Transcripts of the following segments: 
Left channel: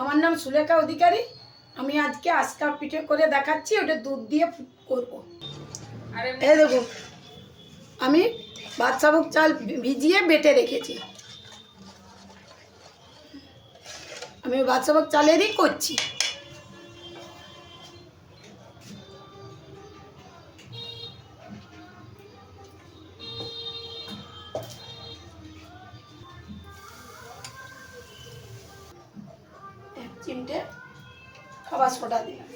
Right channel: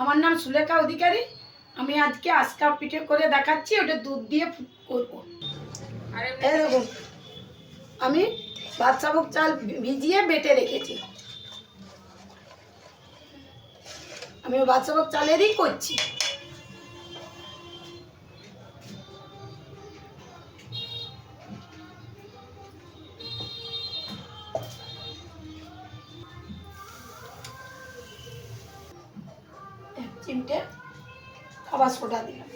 আমার নাম সুলেখা অধিকারী। আমি আজকে আজকা পিঠে করে দেখাচ্ছি, ওটা দুধ দিয়ে করব। এই দেখুন, আমি বাদশাভোগ চাল ভিজিয়ে বেটে রেখেছি। আমি বাদশাভোগ চালেরই করছি। এক চিমটে খাবার সোডা দিলাম।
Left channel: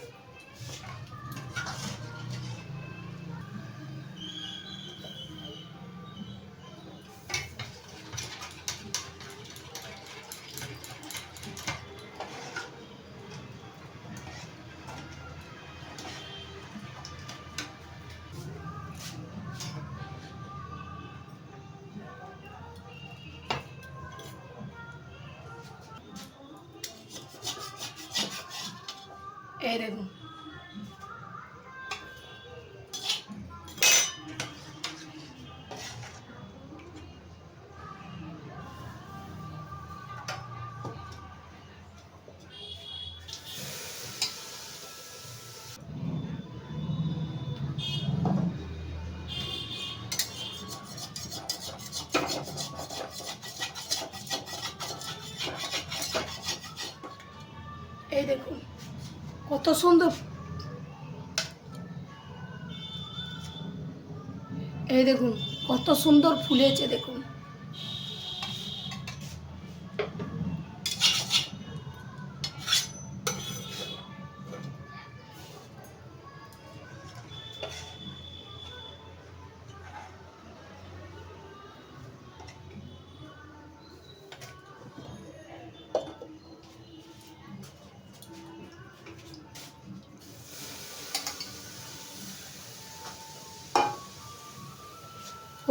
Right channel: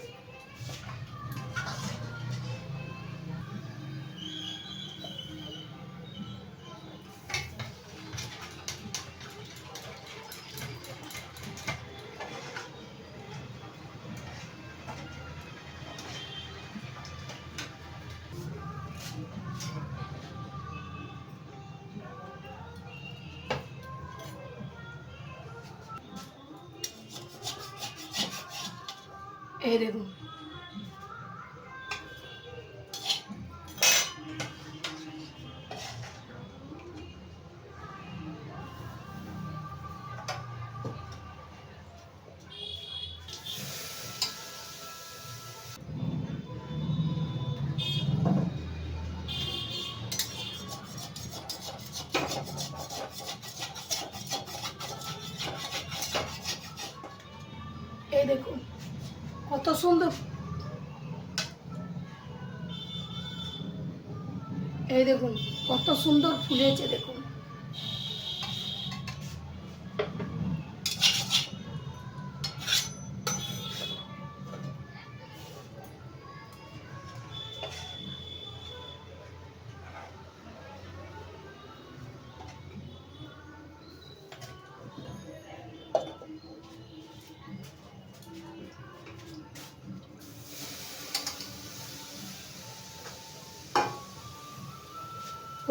এই দেখুন, এই দেখুন কত সুন্দর। এই দেখুন কত সুন্দর ফুলেছে দেখুন।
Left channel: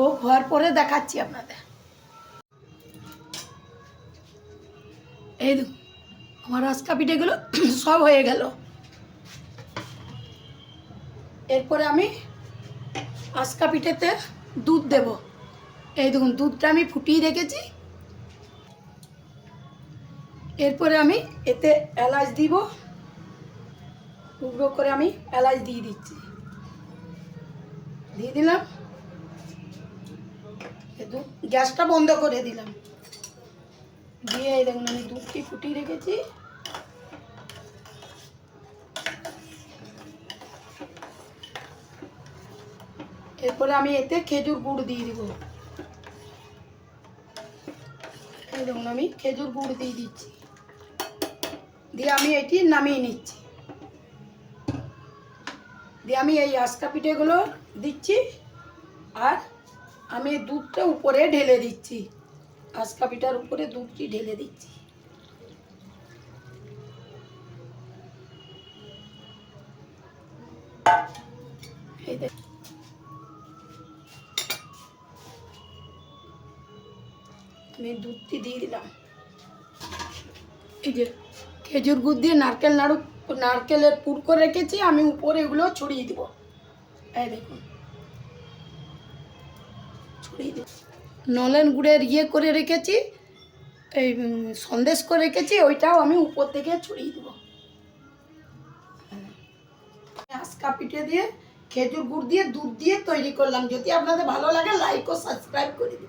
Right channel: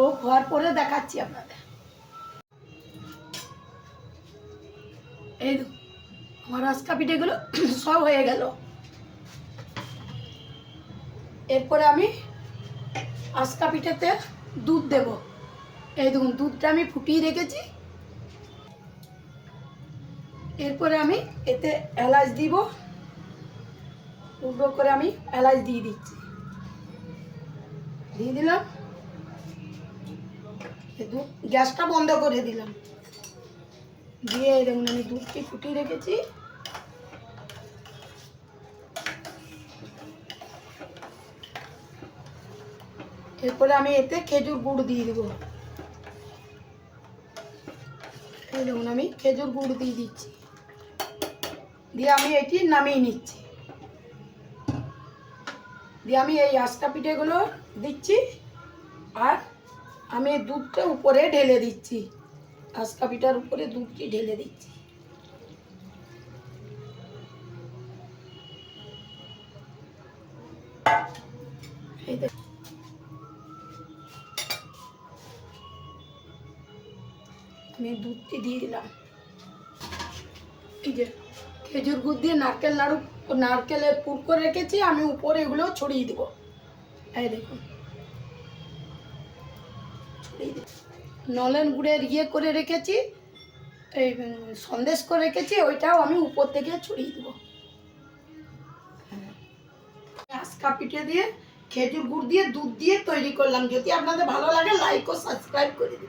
ও হওয়ার পরে দেখাচ্ছি আপনাদের। এই দেখুন, আমার আজকা পিঠেগুলো সব হয়ে গেল। এরপরে আমি আজকা পিঠেতে দুধ দেব। এই দেখুন, দুধটা আমি ফুটিয়ে রেখেছি। এরপরে আমি এতে এলাচ দিব, টুকরো করে আমি এলাচ দিয়ে দিচ্ছি। দিয়ে দিলাম, গ্যাসটা বন্ধ করে দিলাম। দিয়ে এই দেখুন, আমি দুধটি ফুটিয়ে রেখেছি। এরপরে আমি এতে খেজুর গুড় দিয়ে দিব। এই দেখুন, আমি খেজুর গুড় দিয়ে দিচ্ছি। দিয়ে আমি এটি নামিয়ে নিচ্ছি। দিয়ে আমি এই আজকা পিঠেগুলো দিচ্ছি, আর আমি দুধটা উপরে ঢেলে দিচ্ছি। আজকা পিঠার উপরে দুধটি ঢেলে দিচ্ছি। এই দেখুন, আমি দুধটি দিয়ে দিলাম। এই যে খেজুর গুড় দিয়ে নারকেলের পুর করে রেখেছি, আমি উপরে এগুলো ছড়িয়ে দেবো। এই দেখুন, ছড়িয়ে দেব। নলেন গুড়ের করে রেখেছি, এই সন্দেশ করে রেখেছি, ওইটাও আমি উপর থেকে ছড়িয়ে দেবো। আজকা পিঠে দিয়ে খেজুর গুড় দিয়ে দুধ দিয়ে তৈরি করলাম। যদি আপনাদের ভালো লাগে, লাইক ও সাবস্ক্রাইব করে দিন।